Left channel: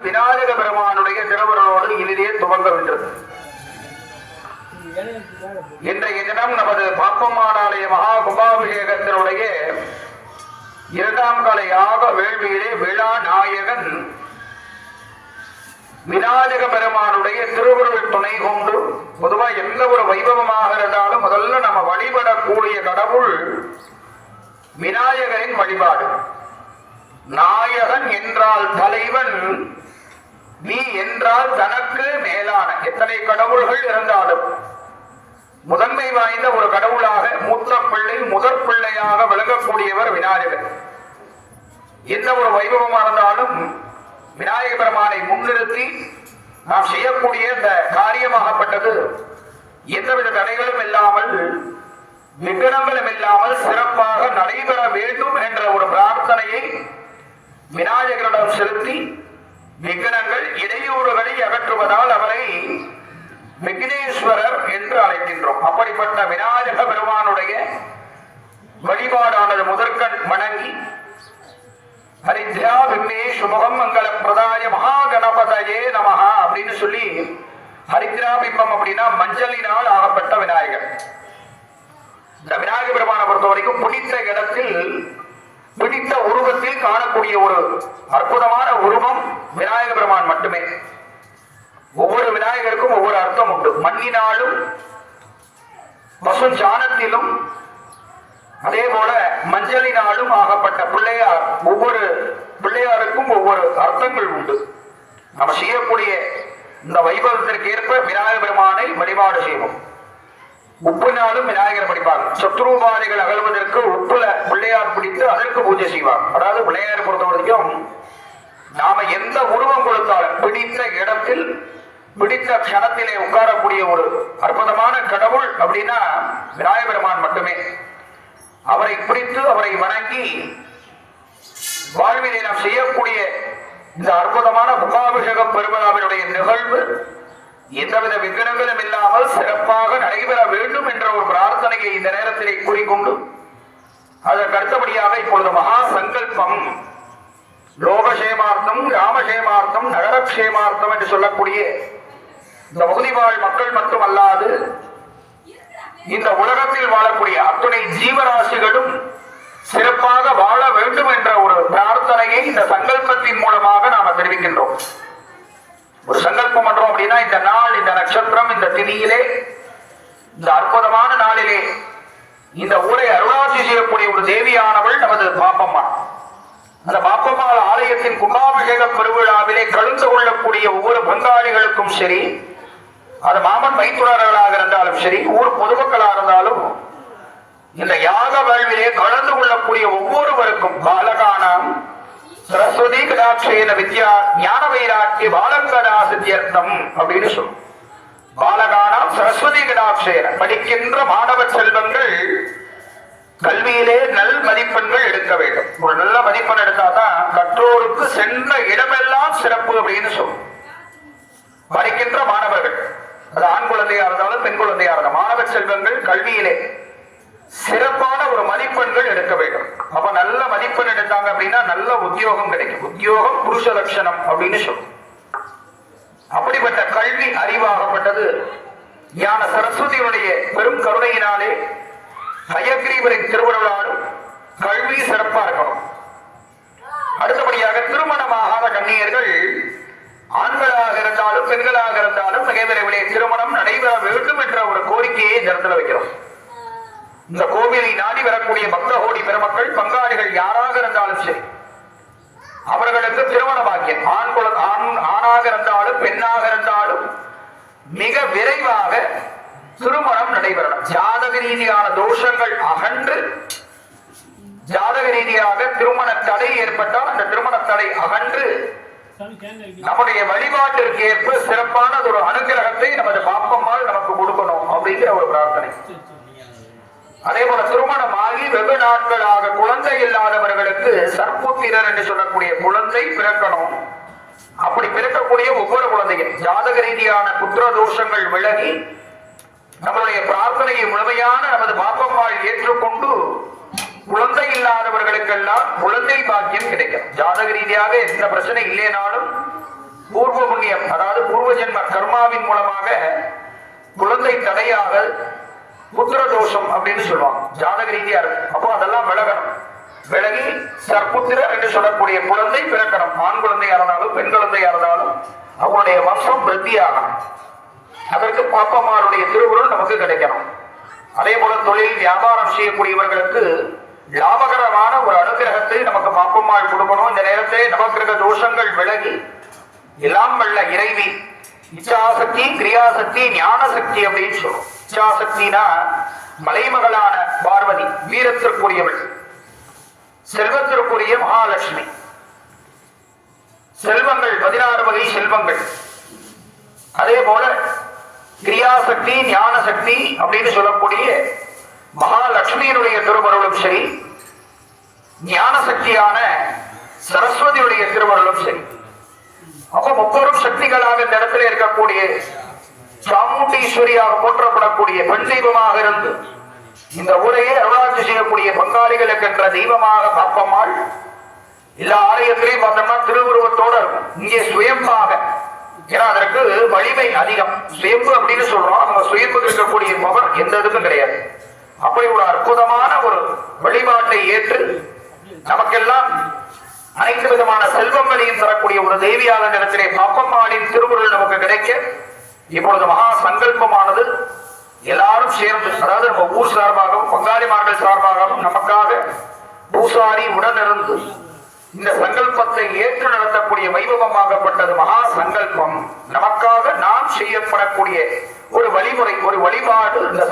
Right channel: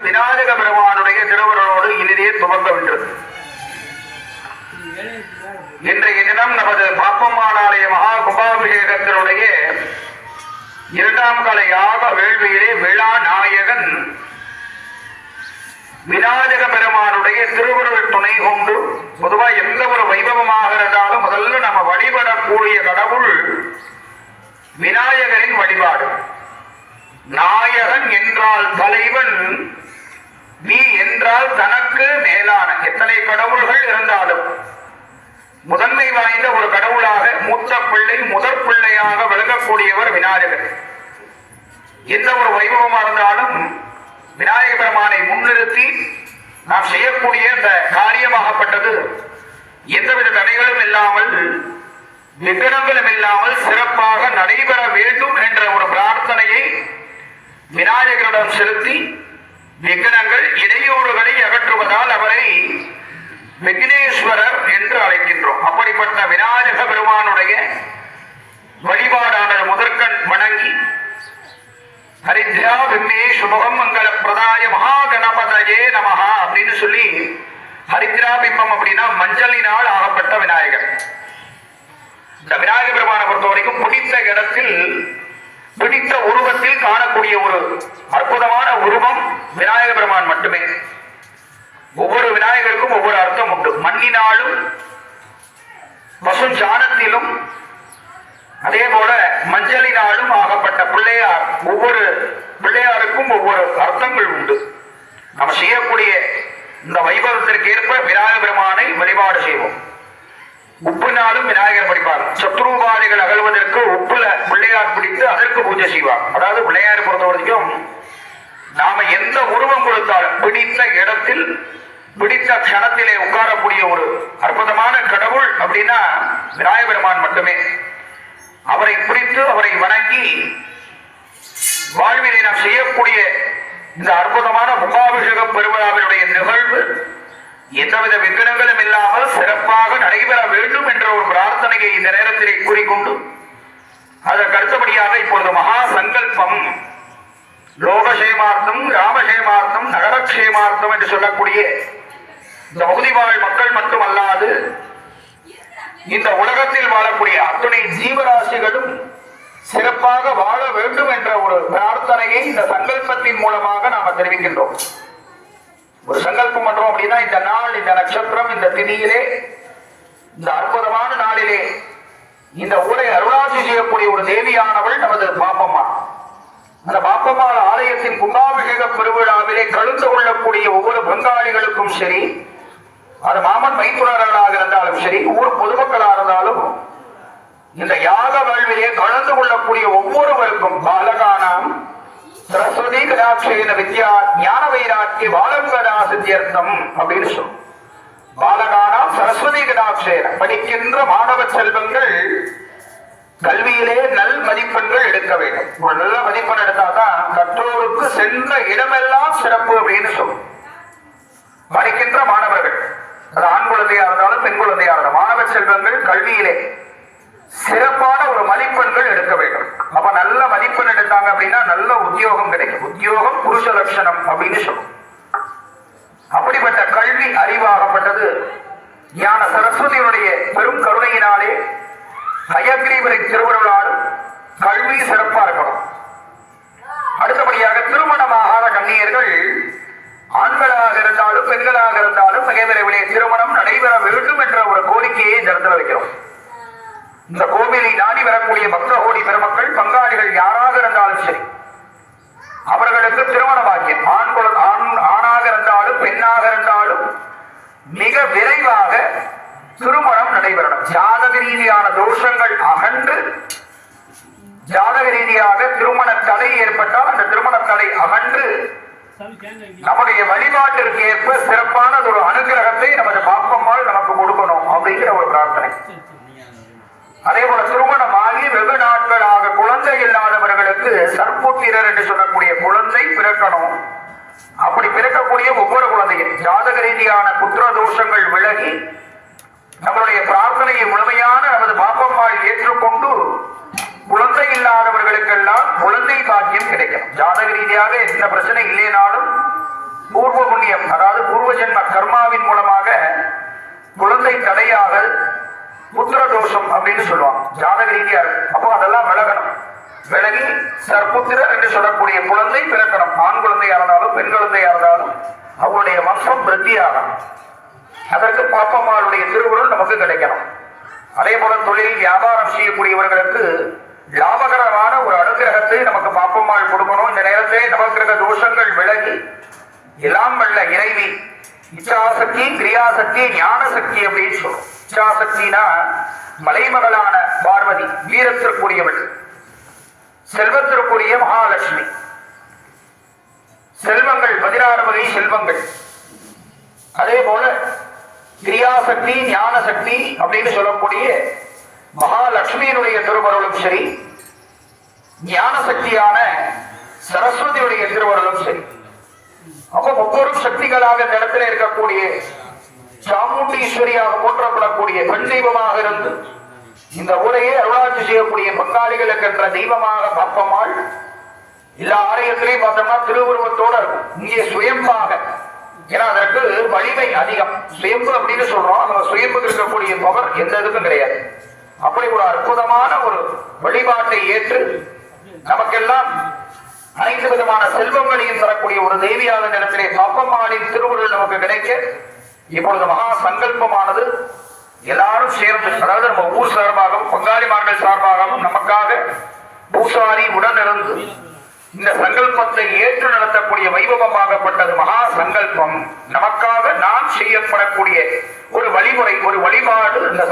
விநாயக பெருமானுடைய திருவருளோடு இனிதே துவங்கவிட்டது இன்றைய தினம் நமது பாப்பம்மானாலய மகா கும்பாபிஷேகத்தினுடைய இரண்டாம் கால யாக வேள்வியிலே விழா நாயகன் விநாயக பெருமானுடைய திருவுருள் துணை கொண்டு பொதுவா எந்த ஒரு வைபவமாக இருந்தாலும் முதல்ல நம்ம வழிபடக்கூடிய கடவுள் விநாயகரின் வழிபாடு. நாயகன் என்றால் தலைவன் நீ என்றால் தனக்கு மேலான. எத்தனை கடவுள்கள் இருந்தாலும் முதன்மை வாய்ந்த ஒரு கடவுளாக மூத்த பிள்ளை முதற் பிள்ளையாக விளங்கக்கூடியவர் விநாயகர் எந்த ஒரு வைபவமா இருந்தாலும் விநாயக பெருமானை முன்னிறுத்தி நாம் செய்யக்கூடிய இந்த காரியமாகப்பட்டது. எந்தவித தடைகளும் இல்லாமல் விகடங்களும் இல்லாமல் சிறப்பாக நடைபெற வேண்டும் என்ற ஒரு பிரார்த்தனையை விநாயகரிடம் செலுத்தி விக்னங்கள் இடையூறுகளை அகற்றுவதால் அவரை விக்னேஸ்வரர் என்று அழைக்கின்றோம். அப்படிப்பட்ட விநாயக பெருமானுடைய வழிபாடானது முதற்கண் வணங்கி ஹரித்யா விக்னேஷ் முகம் மங்கள பிரதாய மகா கணபதயே நமஹா அப்படின்னு சொல்லி ஹரித்ரா பிம்பம் அப்படின்னா மஞ்சளினால் ஆகப்பட்ட விநாயகர். இந்த விநாயக பெருமானை பொறுத்த வரைக்கும் பிடித்த இடத்தில் பிடித்த உருவத்தில் காணக்கூடிய ஒரு அற்புதமான உருவம் விநாயக பெருமான் மட்டுமே. ஒவ்வொரு விநாயகருக்கும் ஒவ்வொரு அர்த்தம் உண்டு. மண்ணினாலும் பசு சாணத்திலும் அதே போல மஞ்சளினாலும் ஆகப்பட்ட பிள்ளையார் ஒவ்வொரு பிள்ளையாருக்கும் ஒவ்வொரு அர்த்தங்கள் உண்டு. நம்ம செய்யக்கூடிய இந்த வைபவத்திற்கு ஏற்ப விநாயக பெருமானை வழிபாடு செய்வோம். உப்புனாலும் விநாயகர் படிப்பார் சத்ருபாதிகள் அகழ்வதற்கு உப்புல பிள்ளையார் பிடித்து அதற்கு பூஜை செய்வார். அதாவது பிள்ளையார் பொறுத்த வரைக்கும் நாம எந்த உருவம் கொடுத்தாலும் பிடித்த இடத்தில் பிடித்த கணத்திலே உட்காரக்கூடிய ஒரு அற்புதமான கடவுள் அப்படின்னா விநாயக பெருமான் மட்டுமே. அவரை குறித்து அவரை வணங்கி வாழ்வினை நாம் செய்யக்கூடிய இந்த அற்புதமான கும்பாபிஷேக பெருவிழாவினுடைய நிகழ்வு எந்தவித விக்கிரங்களும் இல்லாமல் சிறப்பாக நடைபெற வேண்டும் என்ற ஒரு பிரார்த்தனையை இந்த நேரத்திலே கூறிக்கொண்டு அதற்கு அடுத்தபடியாக இப்பொழுது மகா சங்கல்பம். லோகசேமார்த்தம் கிராமசேமார்த்தம் நகரக்ஷேமார்த்தம் என்று சொல்லக்கூடிய இந்த பகுதிவாழ் மக்கள் மட்டுமல்லாது இந்த உலகத்தில் வாழக்கூடிய அத்துணை ஜீவராசிகளும் சிறப்பாக வாழ வேண்டும் என்ற ஒரு பிரார்த்தனையை இந்த சங்கல்பத்தின் மூலமாக நாம தெரிவிக்கின்றோம். ஒரு சங்கல்பம் பண்றோம் அப்படின்னா இந்த நாள் இந்த நட்சத்திரம் இந்த திதியிலே இந்த அற்புதமான நாளிலே இந்த ஊரை அருளாட்சி செய்யக்கூடிய ஒரு தேவியானவள் நமது பாப்பம்மா. அந்த பாப்பம்மா ஆலயத்தின் கும்பாபிஷேக பெருவிழாவிலே கலந்து கொள்ளக்கூடிய ஒவ்வொரு பங்காளிகளுக்கும் சரி அது மாமன் மைத்துனர்களாக இருந்தாலும் சரி ஊர் பொதுமக்களாக இருந்தாலும் இந்த யாக வேள்விலே கலந்து கொள்ளக்கூடிய ஒவ்வொருவருக்கும் பாலகானம் சரஸ்வதி வித்யா ஞான வைராட்சி பாலங்கடா சித்தியர்த்தம் அப்படின்னு சொல்லும் பாலகானா சரஸ்வதி கடாட்சேன படிக்கின்ற மாணவ செல்வங்கள் கல்வியிலே நல் மதிப்பெண்கள் எடுக்க வேண்டும். ஒரு நல்ல மதிப்பெண் எடுத்தாதான் கற்றோருக்கு சென்ற இடமெல்லாம் சிறப்பு அப்படின்னு சொல்லும் படிக்கின்ற மாணவர்கள் அது ஆண் குழந்தையா இருந்தாலும் பெண் குழந்தையா இருந்தாலும் மாணவ செல்வங்கள் கல்வியிலே சிறப்பான ஒரு மதிப்பெண்கள் எடுக்க வேண்டும். அப்ப நல்ல மதிப்பெண் எடுத்தாங்க அப்படின்னா நல்ல உத்தியோகம் கிடைக்கும். உத்தியோகம் புருஷ லட்சணம் அப்படின்னு சொல்லும் அப்படிப்பட்ட கல்வி அறிவாகப்பட்டது. ஞான சரஸ்வதியுடைய பெரும் கருணையினாலே ஹயக்ரீவரை திருவுருளாலும் கல்வி சிறப்பா இருக்கணும். அடுத்தபடியாக திருமணமாகாத கண்ணியர்கள் ஆண்களாக இருந்தாலும் பெண்களாக இருந்தாலும் மிக விரைவிலே திருமணம் நடைபெற வேண்டும் என்ற ஒரு கோரிக்கையை இந்த இடத்துல வைக்கிறோம். இந்த கோவிலை நாடி வரக்கூடிய பக்தகோடி பெருமக்கள் பங்காளிகள் யாராக இருந்தாலும் சரி அவர்களுக்கு திருமண பாக்கியம். ஆண் ஆண் ஆணாக இருந்தாலும் பெண்ணாக இருந்தாலும் மிக விரைவாக திருமணம் நடைபெறணும். ஜாதக ரீதியான தோஷங்கள் அகன்று ஜாதக ரீதியாக திருமண தடை ஏற்பட்டால் அந்த திருமண தடை அகன்று நம்முடைய வழிபாட்டிற்கு ஏற்ப சிறப்பான ஒரு அனுகிரகத்தை நமது பாப்பம்மாள் நமக்கு கொடுக்கணும் அப்படிங்கிற ஒரு பிரார்த்தனை. அதே போல திருமணமாகி வெகு நாட்களாக குழந்தை இல்லாதவர்களுக்கு சர்ப்புத்திரர் என்று சொல்லக்கூடிய குழந்தை பிறக்கணும். அப்படி பிறக்கக்கூடிய ஒவ்வொரு குழந்தையும் ஜாதக ரீதியான குற்ற தோஷங்கள் விலகி நம்மளுடைய பிரார்த்தனையை முழுமையான நமது பாப்பம்மாள் ஏற்றுக்கொண்டு குழந்தை இல்லாதவர்களுக்கெல்லாம் குழந்தை பாக்கியம் கிடைக்கும். ஜாதக ரீதியாக எந்த பிரச்சனை இல்லைனாலும் பூர்வ ஜென்ம கர்மாவின் மூலமாக குழந்தை தடையாகல் புத்திர தோஷம் அப்படின்னு சொல்லுவாங்க. ஜாதக ரீதியா இருக்கும் அப்போ அதெல்லாம் விலகணும். விலகி சர்புத்திர என்று சொல்லக்கூடிய குழந்தை பிறக்கணும். ஆண் குழந்தையா இருந்தாலும் பெண் குழந்தையா இருந்தாலும் அவங்களுடைய வம்சம் விருத்தியாகணும். அதற்கு பாப்பம்மாளுடைய திருவுருள் நமக்கு கிடைக்கணும். அதே போல தொழில் வியாபாரம் செய்யக்கூடியவர்களுக்கு லாபகரமான ஒரு அனுகிரகத்தை நமக்கு பாப்பம்மாள் கொடுக்கணும். இந்த நேரத்தை நமக்கு இருக்க தோஷங்கள் விலகி எல்லாம் வல்ல இறைவி இச்சாசக்தி கிரியாசக்தி ஞான சக்தி அப்படின்னு சொல்லுவோம் இச்சாசக்தினா மலைமகளான பார்வதி வீரத்திற்குரியவள். செல்வத்திற்குரிய மகாலட்சுமி. செல்வங்கள் பதினாறு வகை செல்வங்கள். அதே போல கிரியாசக்தி ஞான சக்தி அப்படின்னு சொல்லக்கூடிய மகாலட்சுமியினுடைய திருமருளும் சரி ஞான சக்தியான சரஸ்வதியுடைய திருமருளும் சரி. அப்ப முப்பெரும் சக்திகளாக இந்த இடத்துல இருக்கக்கூடிய சாமுண்டீஸ்வரியாக போற்றப்படக்கூடிய பெண் தெய்வமாக இருந்து இந்த ஊரையே அருளாட்சி செய்யக்கூடிய பங்காளிகளுக்கு என்ற தெய்வமாக காப்பம்மாள் எல்லா ஆலயத்திலையும் பார்த்தோம்னா திருவுருவத்தோட இங்கே சுயம்பாக. ஏன்னா அதற்கு வலிமை அதிகம். சுயம்பு அப்படின்னு சொல்றோம். அவங்க சுயம்புக்கு இருக்கக்கூடிய பவர் எந்த இதுக்கும் கிடையாது. அப்படி ஒரு அற்புதமான ஒரு வழிபாட்டை ஏற்று நமக்கெல்லாம் அனைத்து விதமான செல்வங்களையும் தரக்கூடிய ஒரு தெய்வியாத நிலத்திலே பாப்பம்மாளின் திருவுருள் நமக்கு கிடைக்க இப்பொழுது மகா சங்கல்பமானது எல்லாரும் சேர்ந்து அதாவது நம்ம ஊர் சார்பாகவும் பங்காளிமார்கள் சார்பாகவும் நமக்காக பூசாரி உடனிருந்து இந்த சங்கல்பத்தை ஏற்று நடத்தக்கூடிய வைபவமாகப்பட்டது மகா சங்கல்பம். நமக்காக நான் செய்யப்படக்கூடிய ஒரு வழிமுறை ஒரு வழிபாடு இந்த